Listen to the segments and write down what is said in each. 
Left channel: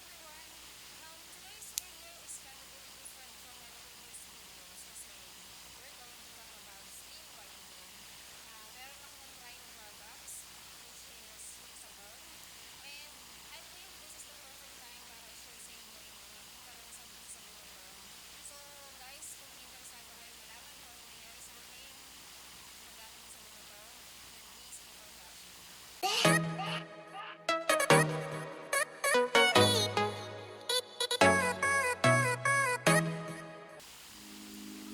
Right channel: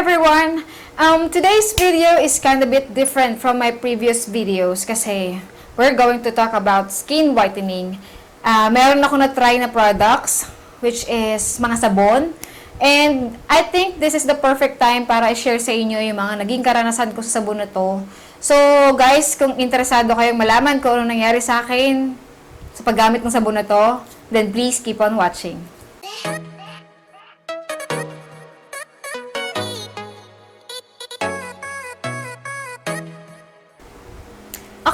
everyone! Um, today's video is kind of bit different from my previous videos kasi we're going to talk about skin whitening. Uh, meron ako na-try na products which is mga sabon. And I think this is the perfect time para i-share sa inyo yung mga naging karanasan ko sa sabon na to. So guys, kung interesado kayong malaman kung ano nangyari sa akin sa paggamit ng sabon na to, then please keep on watching.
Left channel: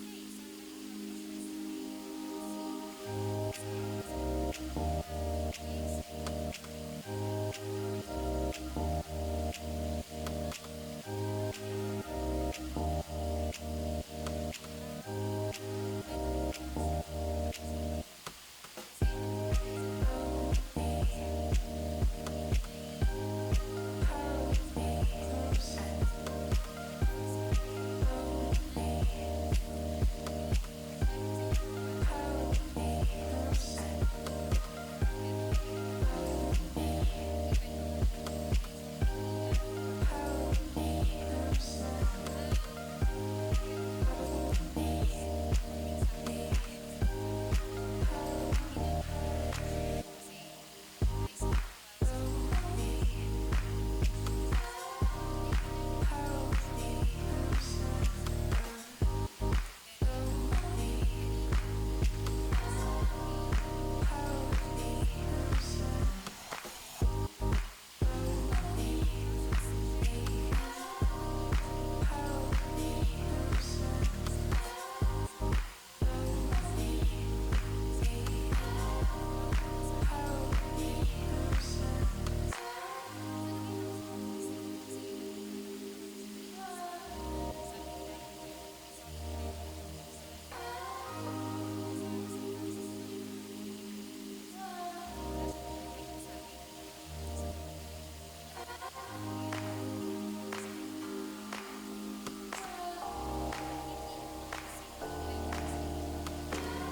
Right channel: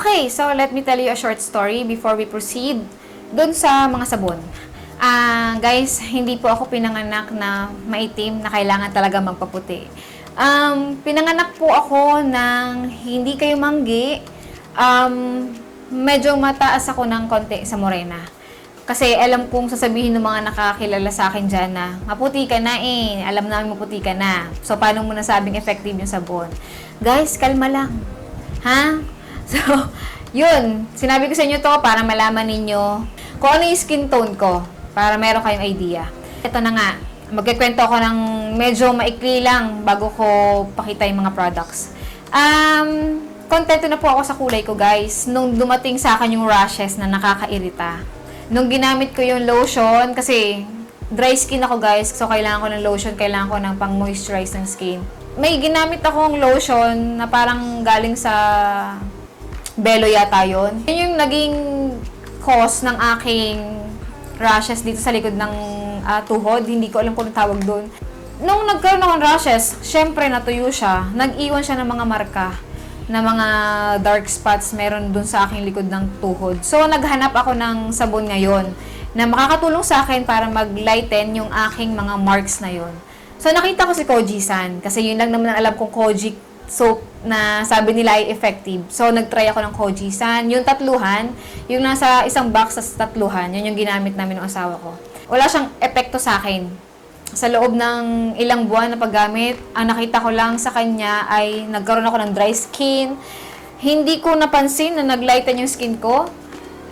Okay, so let me tell you a short story before we proceed dun sa mga sabon. Ah, guys, hindi po ako pinanganak na maitim na kailangan talaga magpaputi. Um, pinanganak po ako ng hindi kayo manggi. Um, medyo mataas ako ng konti sa morena. Kasi alam kong sasabihin ng mga nakakilala sa akin dyan na maputi ka na eh. Alam namin maputi ka na. So, paano mo nasabing effective yung sabon? Guys, kalma lang. Ha? So, yun. Sinabi ko sa inyo to para malaman ninyo kung ano yung skin tone ko para meron kayong idea. Ito na nga. Magkikwento ako ng medyo maikli lang bago ko pakita yung mga products. Um, kontento na po ako sa kulay ko, guys. Nung dumating sa akin yung rashes na nakakairita. Nung ginamit ko yung lotion, kasi dry skin ako, guys. So, kailangan ko ng lotion, kailangan ko ng pang-moisturize ng skin. May ginamit akong lotion na parang galing sa Belo yata yun. Yun yung naging cause ng aking rashes dito sa likod ng ah, tuhod. Hindi ko alam kung tawag doon. Nung nagkaroon ng rashes, syempre natuyo siya. Nag-iwan siya ng mga marka na mga dark spots meron dun sa aking likod ng tuhod. So, naghanap ako ng sabon ngayon na makakatulong sa akin para mag-lighten yung aking mga marks na yon. So, nakita ko si Koji-san kasi yun lang naman ang alam kong Koji soap na sabi nila ay effective. So, nag-try ako ng Koji-san. Yung tatluhan, yung nasa isang box sa tatluhan, yun yung ginamit namin ng asawa ko. Wala siyang epekto sa akin. Sa loob ng ilang buwan na paggamit, ang nakita ko lang sa kanya ay nagkaroon ako ng dry skin. Hindi ko napansin na naglighten yung skin ko.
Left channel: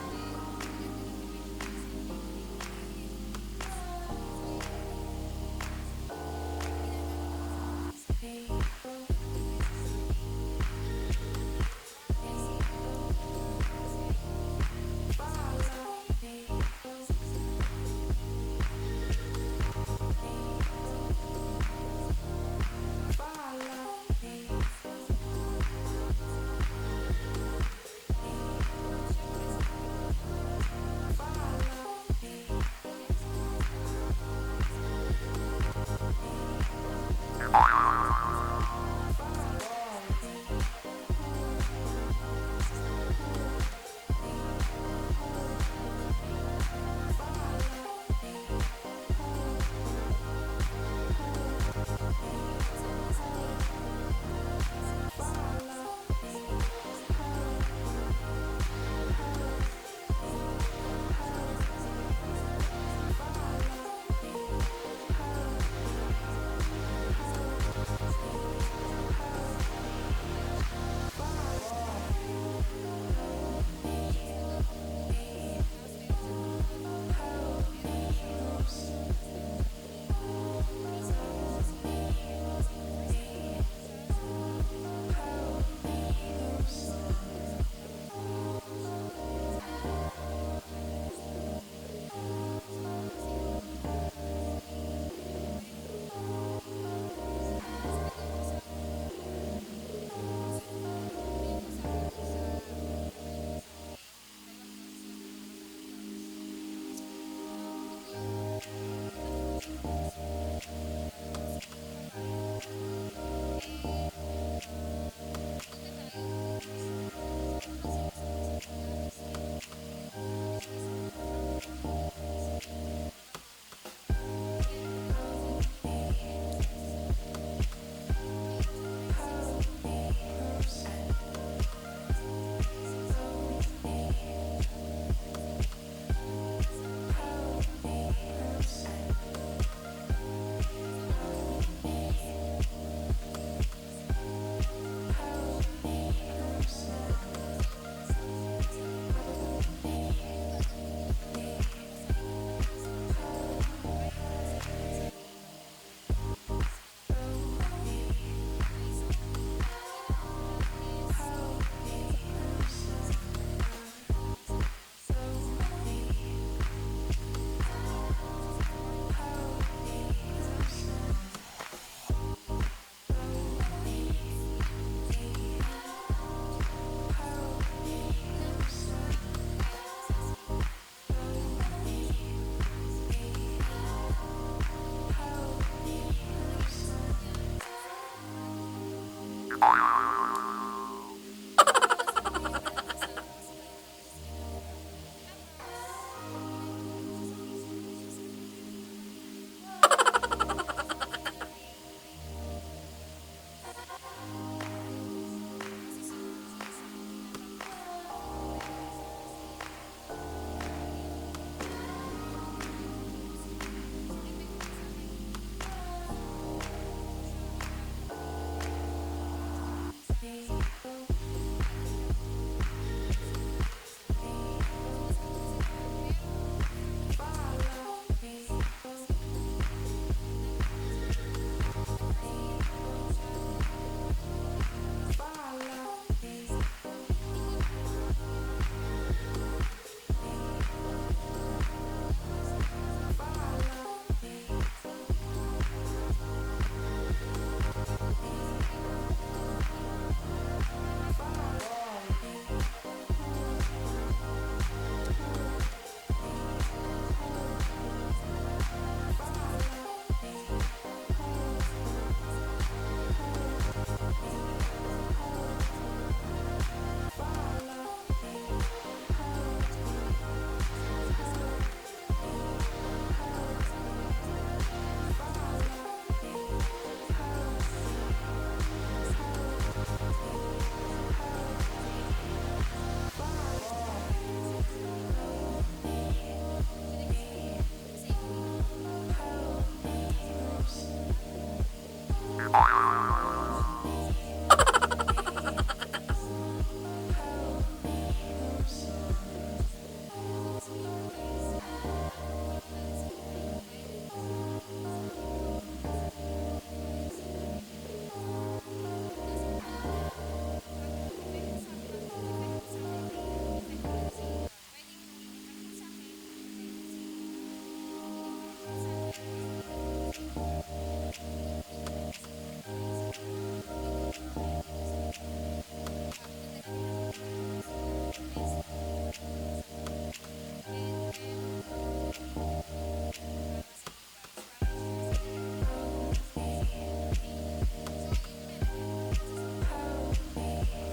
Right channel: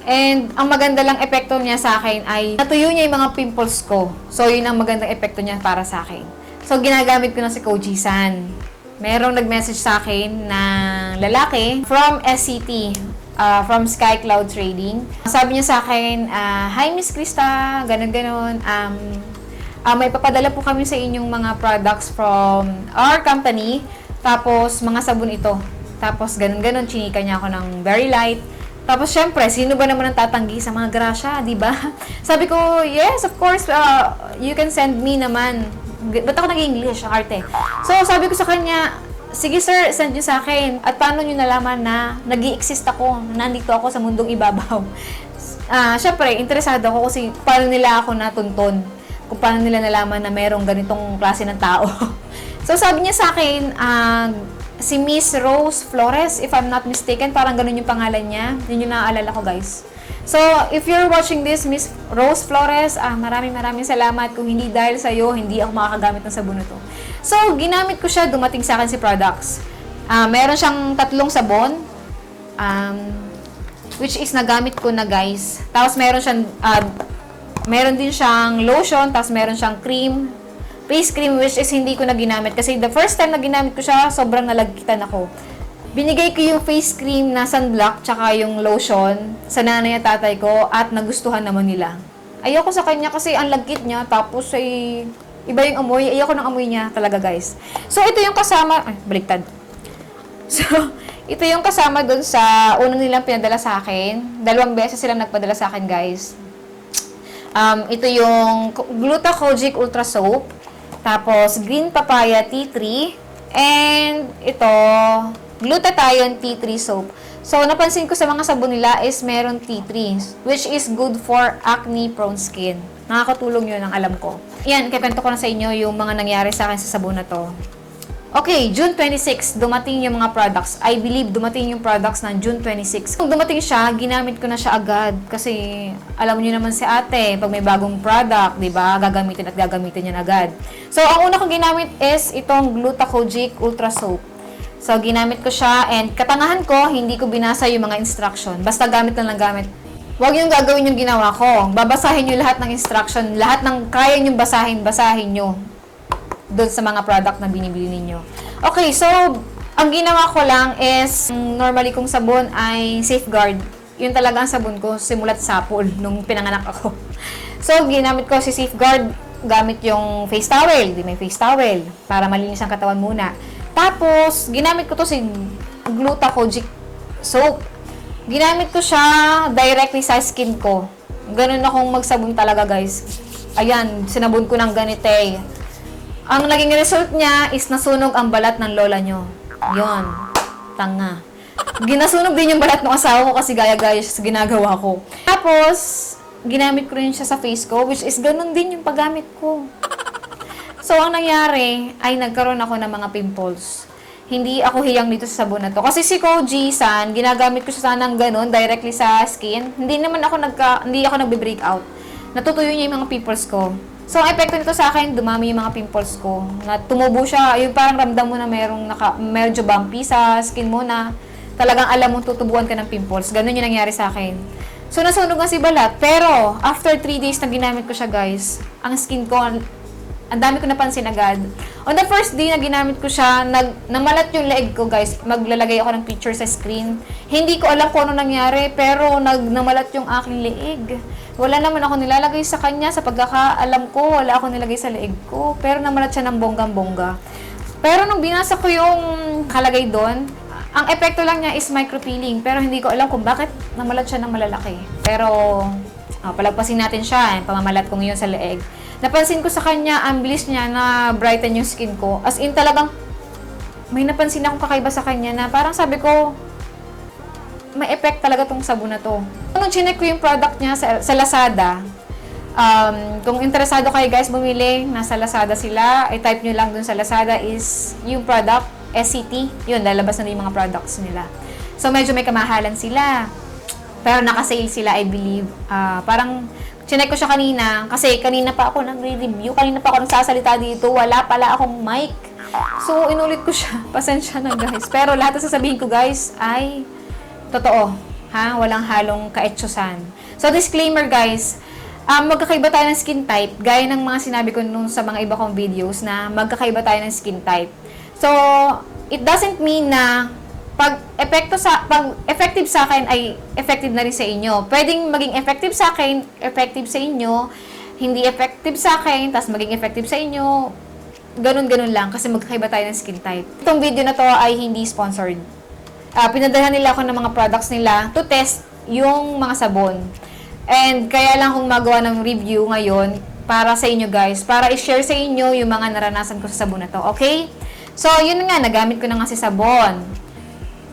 And ang maganda lang epekto niya sa akin ay natuyo niya yung mga pimples ko. So, yun ang magandang epekto niya para sa akin. So, ginagamit ko na si Koji-san merong nag-message sa akin na lalaki from SCT, uh, from Sky Cloud Trading. Sabi niya sa akin, uh, Hi Miss Krista, ganun-ganun. Um, uh, may papadala po kami sa inyong mga products from our company. Tapos, mga sabon ito. Tapos, ganun-ganun, chinika niya ako ng very light. Tapos, syempre, sino ba naman ang tatanggi sa mga grasya, di ba? Sabi ko, yes, of course, uh, you can send me naman ba't ako nag-English, ang arte? So, sabi ko sa kanya, sige sir, send nyo sa akin. At paano nyo nalaman na nag exist ako, nandito ako sa mundong ibabaw? Ah, uh, syempre, interesado ako kasi paano nila ako natuntun. Kung paano nila nalaman na merong ganitong klase ng tao. so, sabi niya sa akin, uh, si Miss Rose Flores, if I'm not mistaken, parang ganun yung pangalan niya. Yun yung naaalala ko, guys. So, if you're watching this, Miss Rose Flores, ah, maraming maraming salamat. Kung hindi dahil sa iyo, hindi ako makakagamit ng sabon na to. So, ginamit ko siya, dumating sa akin si products. Ah, meron siyang tatlong sabon. Um, which is nagamit ko na guys. Tapos meron siyang uh, meron din siyang lotion, tapos meron siyang cream, face cream which is hindi ko na ginamit kasi the first time na ginamit ko siya, sobrang nalagkitan ako. Binigay ko yung face cream na sunblock tsaka yung lotion sa nanay at tatay ko at nagustuhan naman nila. Ayoko sa kanya kasi ang lagkit niya tapos ay iba yung amoy. Ayoko ng amoy niya talaga guys. So ito yung kasama, ay baliktad. So ito yung kasama dun sa unang nilang pinadala sa akin. Dalawang beses silang nagpadala sa akin guys. Um, ito yung Glutacogic Ultra Soap. Tapos Green Papaya Tea Tree. And ito, glutathione tea tree soap. So, napansin ko sa mga sabon nila is meron tea tree, which is good for acne-prone skin. Nakakatulong yun ang alam ko. Yan, kipento ko na sa inyo yung mga nangyari sa akin sa sabon na to. Okay, June 26, dumating yung mga products. I believe dumating yung products ng June 26. Kung dumating siya, ginamit ko na siya agad. Kasi alam niyo naman si ate, pag may bagong product, di ba, gagamitin at gagamitin yan agad. So, ang una kong ginamit is itong Glutacogic Ultra Soap. So, ginamit ko siya and katangahan ko, hindi ko binasa yung mga instruction. Basta gamit lang lang gamit. Huwag yung gagawin yung ginawa ko. Babasahin nyo lahat ng instruction. Lahat ng kaya nyo basahin, basahin nyo. doon sa mga product na binibili ninyo. Okay, so, ang ginawa ko lang is, normally kong sabon ay safeguard. Yun talaga ang sabon ko, simulat sapol, nung pinanganak ako. So, ginamit ko si safeguard, gamit yung face towel, di may face towel, para malinis ang katawan muna. Tapos, ginamit ko to si Glutacogic soap. Ginamit ko siya directly sa skin ko. Ganun akong magsabon talaga, guys. Ayan, sinabon ko ng ganite. Ang naging result niya is nasunog ang balat ng lola nyo. Yon, tanga. Ginasunog din yung balat ng asawa ko kasi gaya-gaya sa ginagawa ko. Tapos, ginamit ko rin siya sa face ko, which is ganun din yung paggamit ko. So, ang nangyari ay nagkaroon ako ng mga pimples. Hindi ako hiyang dito sa sabon na to. Kasi si Koji San, ginagamit ko siya sana ng ganun, directly sa skin. Hindi naman ako nagka, hindi ako nagbe-break out. Natutuyo niya yung mga pimples ko. So, ang epekto nito sa akin, dumami yung mga pimples ko. Na tumubo siya, yung parang ramdam mo na merong naka, medyo bumpy sa skin mo na talagang alam mo tutubuan ka ng pimples. Ganun yung nangyari sa akin. So, nasunog nga si balat. Pero, after 3 days na ginamit ko siya, guys, ang skin ko, ang dami ko napansin agad. On the first day na ginamit ko siya, nag, namalat yung leeg ko, guys. Maglalagay ako ng picture sa screen. Hindi ko alam kung ano nangyari, pero nag, namalat yung aking leeg. Wala naman ako nilalagay sa kanya. Sa pagkakaalam ko, wala ako nilagay sa leeg ko. Pero namalat siya ng bonggang-bongga. Pero nung binasa ko yung kalagay doon, ang epekto lang niya is micropeeling. Pero hindi ko alam kung bakit namalat siya ng malalaki. Pero, ah, palagpasin natin siya. Yung pamamalat ko ngayon sa leeg. Napansin ko sa kanya, ang bilis niya na brighten yung skin ko. As in talagang, may napansin akong kakaiba sa kanya na parang sabi ko, may effect talaga tong sabon na to. Nung chinek ko yung product niya sa, sa Lazada, um, kung interesado kayo guys bumili, nasa Lazada sila, i-type nyo lang dun sa Lazada is yung product, SCT, yun, lalabas na yung mga products nila. So, medyo may kamahalan sila. Pero naka-sale sila, I believe. Ah, parang, chinek ko siya kanina, kasi kanina pa ako nag-review, kanina pa ako nagsasalita dito, wala pala akong mic. So, inulit ko siya. Pasensya na guys. Pero lahat na sasabihin ko guys ay totoo. Ha? Walang halong kaetsusan. So, disclaimer guys, um, magkakaiba tayo ng skin type. Gaya ng mga sinabi ko nung sa mga iba kong videos na magkakaiba tayo ng skin type. So, it doesn't mean na pag epekto sa pag effective sa akin ay effective na rin sa inyo. Pwedeng maging effective sa akin, effective sa inyo, hindi effective sa akin, tapos maging effective sa inyo. Ganun-ganun lang kasi magkakaiba tayo ng skin type. Itong video na to ay hindi sponsored. Ah, pinadalhan nila ako ng mga products nila to test yung mga sabon. And kaya lang akong magawa ng review ngayon para sa inyo guys, para i-share sa inyo yung mga naranasan ko sa sabon na to, okay? So, yun nga, nagamit ko na nga si sabon.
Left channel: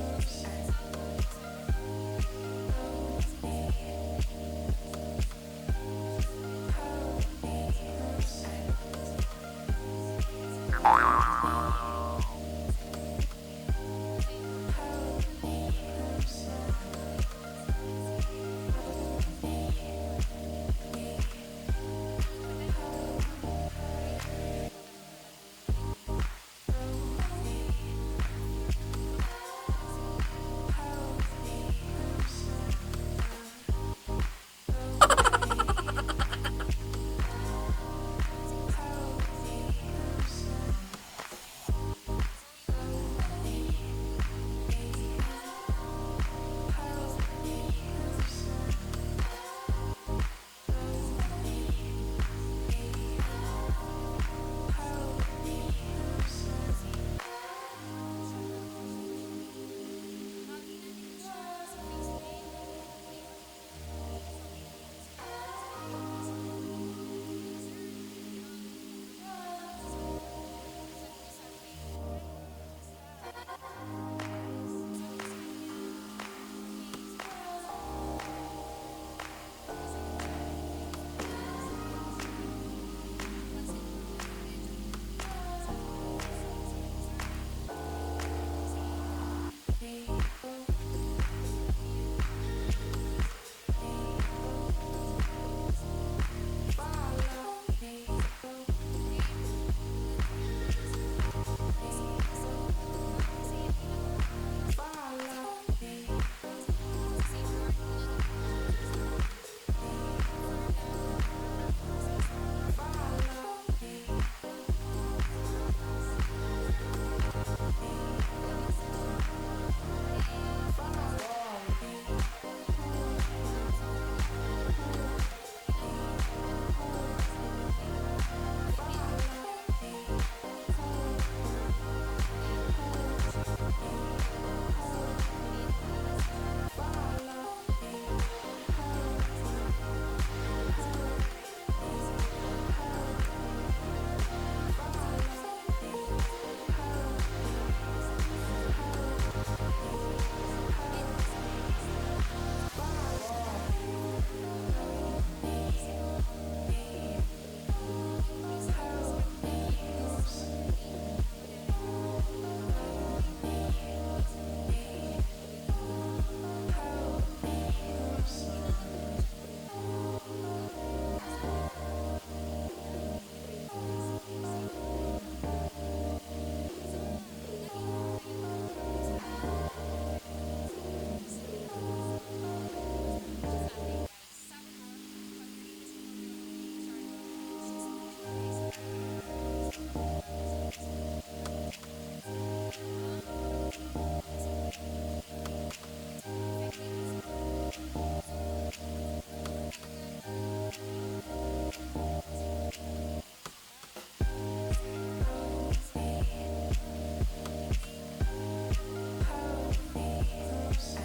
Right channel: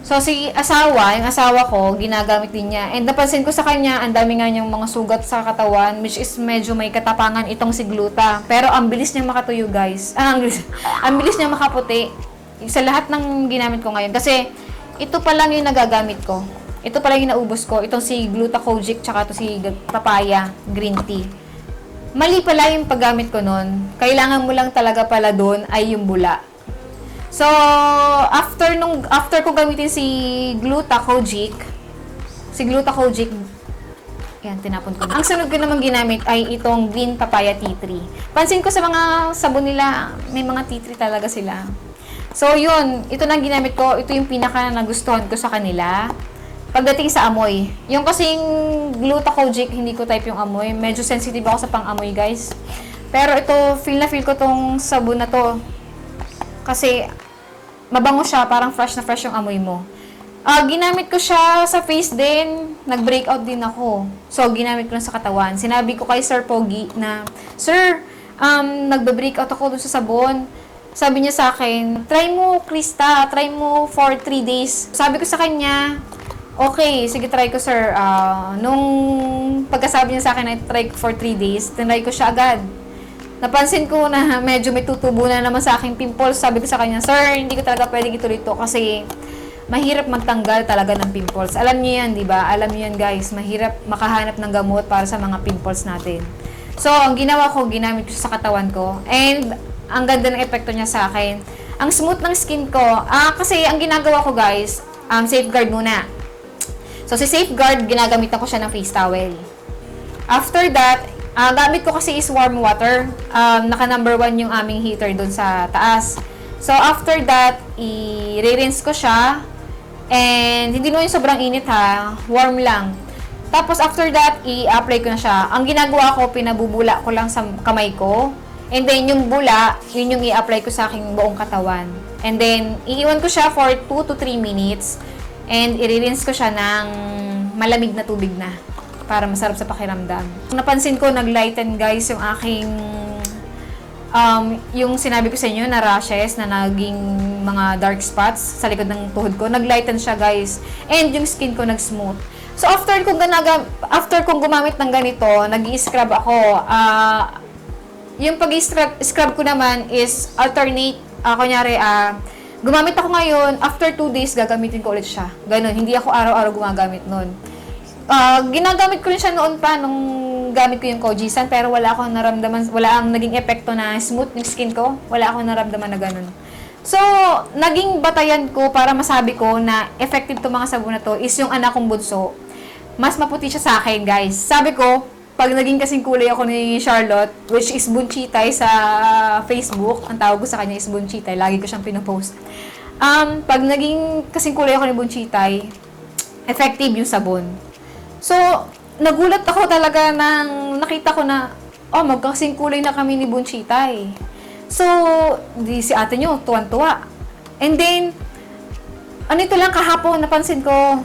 So, si asawa, yung asawa ko, ginagamit din niya. And napansin ko sa kanya, ang dami nga niyang mga sugat sa katawan, which is medyo may katapangan itong si gluta. Pero ang bilis niya makatuyo, guys. Ah, ang bilis, ang bilis niya makaputi. Sa lahat ng ginamit ko ngayon. Kasi, ito pa lang yung nagagamit ko. Ito pa lang yung naubos ko. Itong si Glutacogic, tsaka ito si Papaya Green Tea. Mali pala yung paggamit ko nun. Kailangan mo lang talaga pala doon ay yung bula. So, after nung after ko gamitin si Glutacogic, si Glutacogic, yan, tinapon ko. Ang sunod ko naman ginamit ay itong Green Papaya Tea Tree. Pansin ko sa mga sabon nila, may mga tea tree talaga sila. So, yun. Ito na ginamit ko. Ito yung pinaka nagustuhan ko sa kanila. Pagdating sa amoy. Yung kasing Glutacogic, hindi ko type yung amoy. Medyo sensitive ako sa pang-amoy, guys. Pero ito, feel na feel ko tong sabon na to. Kasi, mabango siya, parang fresh na fresh yung amoy mo. Ah, ginamit ko siya sa face din. Nag-breakout din ako. So, ginamit ko lang sa katawan. Sinabi ko kay Sir Pogi na, Sir, um, nagbe-breakout ako dun sa sabon. Sabi niya sa akin, try mo, Krista, try mo for 3 days. Sabi ko sa kanya, okay, sige, try ko, sir. Ah, nung pagkasabi niya sa akin na try for 3 days, tinry ko siya agad. Napansin ko na medyo may tutubo na naman sa aking pimples. Sabi ko sa kanya, Sir, hindi ko talaga pwedeng ituloy ito kasi mahirap magtanggal talaga ng pimples. Alam niyo yan, di ba? Alam niyo yan, guys. Mahirap makahanap ng gamot para sa mga pimples natin. So, ang ginawa ko, ginamit ko sa katawan ko. And, ang ganda ng epekto niya sa akin. Ang smooth ng skin ko. Ah, kasi ang ginagawa ko, guys, um, safeguard muna. So, si safeguard, ginagamit ko siya ng face towel. After that, Ah, gamit ko kasi is warm water. Um, naka number one yung aming heater doon sa taas. So, after that, i-rinse ko siya. And, hindi naman yung sobrang init ha. Warm lang. Tapos, after that, i-apply ko na siya. Ang ginagawa ko, pinabubula ko lang sa kamay ko. And then, yung bula, yun yung i-apply ko sa aking buong katawan. And then, iiwan ko siya for 2 to 3 minutes. And, i-rinse ko siya ng malamig na tubig na para masarap sa pakiramdam. Napansin ko, nag-lighten guys yung aking um, yung sinabi ko sa inyo na rashes na naging mga dark spots sa likod ng tuhod ko, nag-lighten siya guys. And yung skin ko nag-smooth. So after kong ganaga, after kong gumamit ng ganito, nag-i-scrub ako. Ah, yung pag-scrub scrub ko naman is alternate. Ah, kunyari, ah, gumamit ako ngayon, after 2 days, gagamitin ko ulit siya. Ganon, hindi ako araw-araw gumagamit nun. Ah, ginagamit ko rin siya noon pa nung gamit ko yung Kojisan pero wala akong naramdaman, wala ang naging epekto na smooth yung skin ko. Wala akong naramdaman na ganun. So, naging batayan ko para masabi ko na effective to mga sabon na to is yung anak kong bunso. Mas maputi siya sa akin, guys. Sabi ko, pag naging kasing kulay ako ni Charlotte, which is Bunchitay sa Facebook, ang tawag ko sa kanya is Bunchitay, lagi ko siyang pinopost. Um, pag naging kasing kulay ako ni Bunchitay, effective yung sabon. So, nagulat ako talaga nang nakita ko na, oh, magkasing kulay na kami ni Bunchitay. So, di si ate nyo, tuwan-tuwa. And then, ano ito lang kahapon, napansin ko,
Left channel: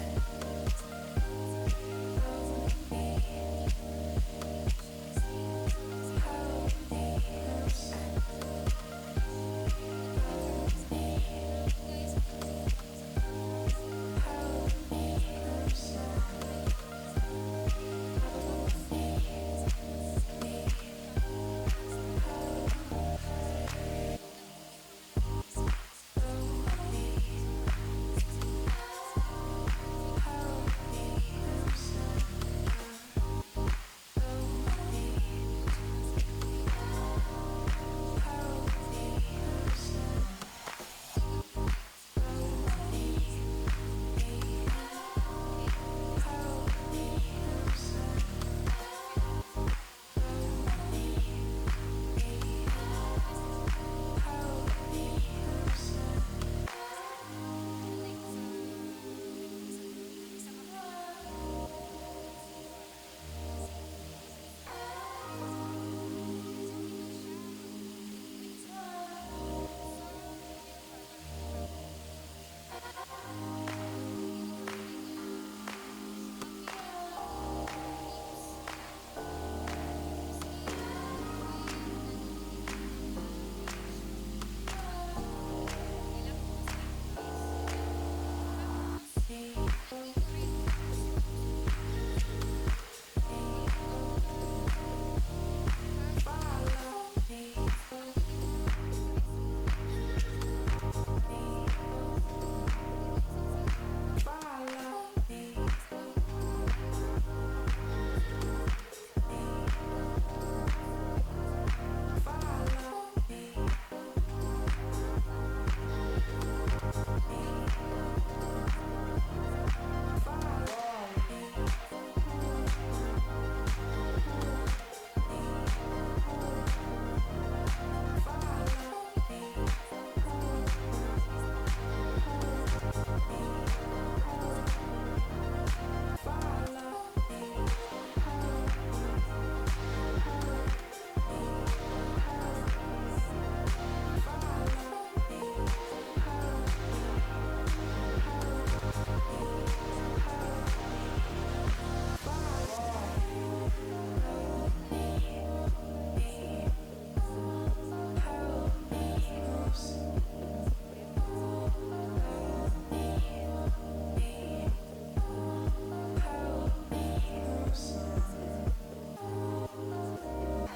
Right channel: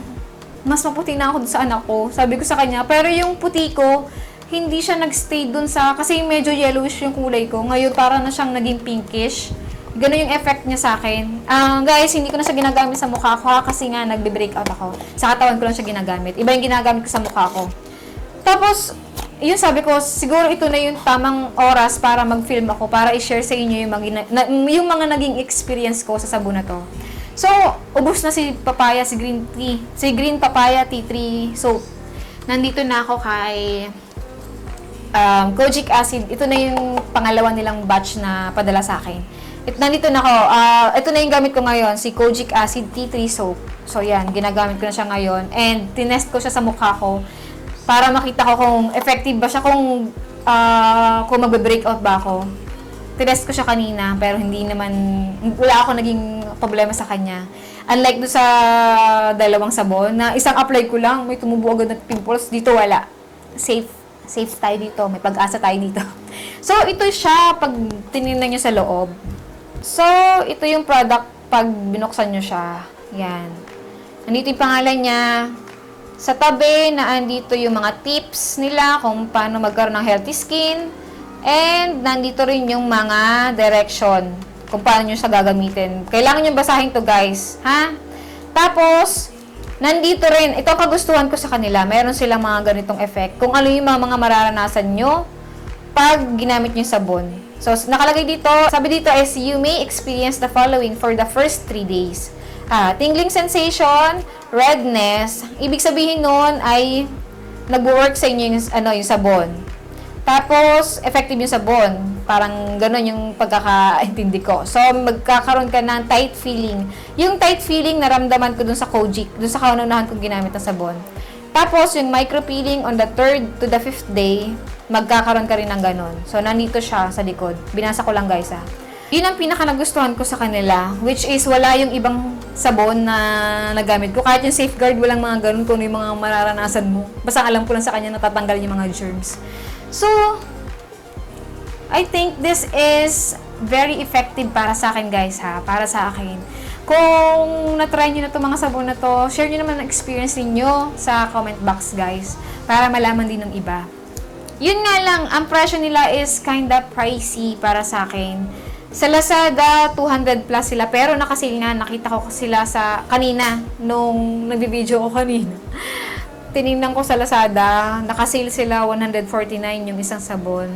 mas maputi na ako sa anak ko. Sabi ko sa kanya, pero yung puti ko, hindi siya nagstay dun sa, kasi medyo yellowish yung kulay ko. Ngayon, para na siyang naging pinkish. Ganun yung effect niya sa akin. Ah, guys, hindi ko na siya ginagamit sa mukha ko kasi nga nagbe-breakout ako. Sa katawan ko lang siya ginagamit. Iba yung ginagamit ko sa mukha ko. Tapos, yun sabi ko, siguro ito na yung tamang oras para mag-film ako, para i-share sa inyo yung gina- na, yung mga naging experience ko sa sabon na to. So, ubos na si papaya, si green tea, si green papaya tea tree soap. Nandito na ako kay um, kojic acid. Ito na yung pangalawa nilang batch na padala sa akin. It, nandito na ako. Ah, ito na yung gamit ko ngayon, si kojic acid tea tree soap. So, yan, ginagamit ko na siya ngayon. And, tinest ko siya sa mukha ko para makita ko kung effective ba siya, kung, ah, kung magbe-breakout ba ako. Tinest ko siya kanina, pero hindi naman, wala ako naging problema sa kanya. Unlike do sa dalawang sabon, na isang apply ko lang, may tumubo agad na pimples, dito wala. Safe, safe tayo dito, may pag-asa tayo dito. So, ito siya pag tinignan nyo sa loob. So, ito yung product pag binuksan nyo siya. Yan. Andito yung pangalan niya. Sa tabi, na andito yung mga tips nila kung paano magkaroon ng healthy skin. And nandito rin yung mga direction kung paano nyo siya gagamitin. Kailangan nyo basahin to guys. Ha? Tapos, nandito rin, ito ang kagustuhan ko sa kanila. Meron silang mga ganitong effect. Kung ano yung mga, mga mararanasan nyo pag ginamit nyo yung sabon. So, nakalagay dito, sabi dito is, you may experience the following for the first 3 days. Ah, tingling sensation, redness, ibig sabihin nun ay nag-work sa inyo yung, ano, yung sabon. Tapos, effective yung sabon. Parang ganun yung pagkakaintindi ko. So, magkakaroon ka ng tight feeling. Yung tight feeling, naramdaman ko dun sa Kojic, dun sa kaunahan kong ginamit na sabon. Tapos, yung micro peeling on the third to the fifth day, magkakaroon ka rin ng ganun. So, nandito siya sa likod. Binasa ko lang guys ha. Yun ang pinaka nagustuhan ko sa kanila, which is wala yung ibang sabon na nagamit ko. Kahit yung safeguard, walang mga ganun kung yung mga mararanasan mo. Basta alam ko lang sa kanya natatanggal yung mga germs. So, I think this is very effective para sa akin guys ha, para sa akin. Kung na-try nyo na itong mga sabon na to, share nyo naman ang experience ninyo sa comment box guys, para malaman din ng iba. Yun nga lang, ang presyo nila is kinda pricey para sa akin. Sa Lazada, 200 plus sila. Pero nakasil nga, nakita ko sila sa kanina, nung nagbi-video ko kanina. Tinignan ko sa Lazada, nakasil sila 149 yung isang sabon.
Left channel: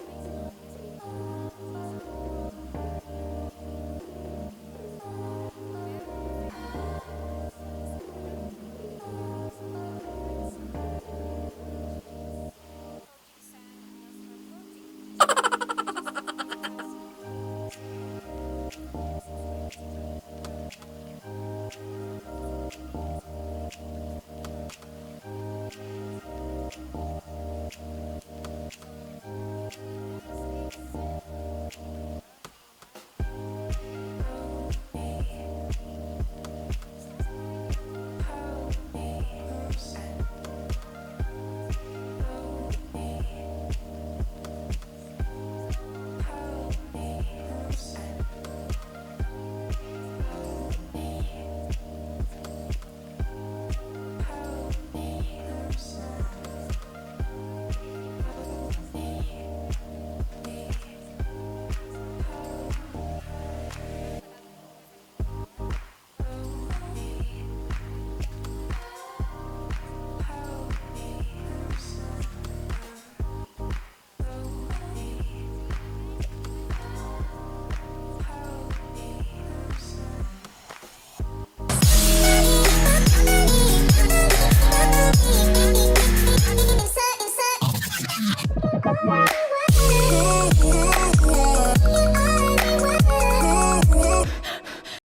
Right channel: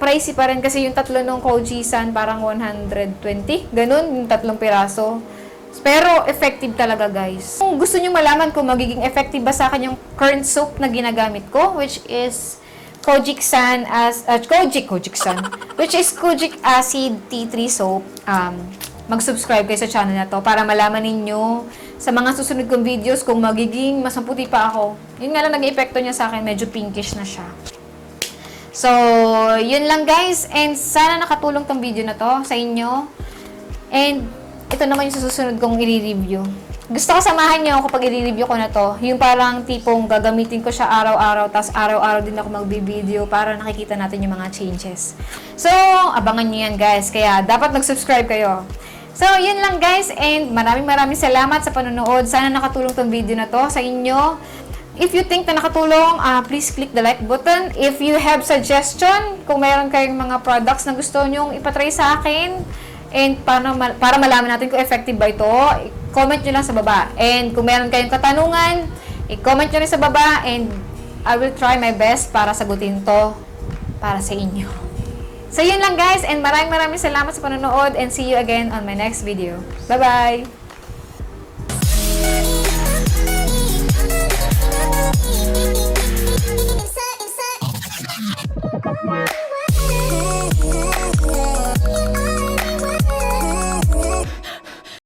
Pricey pa rin kasi yung tatlo ng Kojisan parang 120. Ganun, yung tatlong piraso. Pero effective talaga guys. Kung gusto nyo malaman kung magiging effective ba sa akin yung current soap na ginagamit ko, which is Kojic San as uh, Kojic Kojic San which is Kojic Acid Tea Tree Soap. Um, mag-subscribe kayo sa channel na to para malaman ninyo sa mga susunod kong videos kung magiging mas maputi pa ako. Yun nga lang nag epekto niya sa akin, medyo pinkish na siya. So, yun lang guys. And sana nakatulong tong video na to sa inyo. And ito naman yung susunod kong i-review. Gusto ko samahan niyo ako pag i-review ko na to. Yung parang tipong gagamitin ko siya araw-araw, tas araw-araw din ako magbi-video para nakikita natin yung mga changes. So, abangan niyo yan guys. Kaya dapat mag-subscribe kayo. So, yun lang guys. And maraming maraming salamat sa panonood. Sana nakatulong tong video na to sa inyo. If you think na nakatulong, ah, please click the like button. If you have suggestion, kung meron kayong mga products na gusto nyong ipatry sa akin, and para, ma- para malaman natin kung effective ba ito, comment nyo lang sa baba. And kung meron kayong katanungan, i-comment nyo rin sa baba and I will try my best para sagutin to para sa inyo. So yun lang guys and maraming maraming salamat sa panonood and see you again on my next video. Bye-bye! Bye.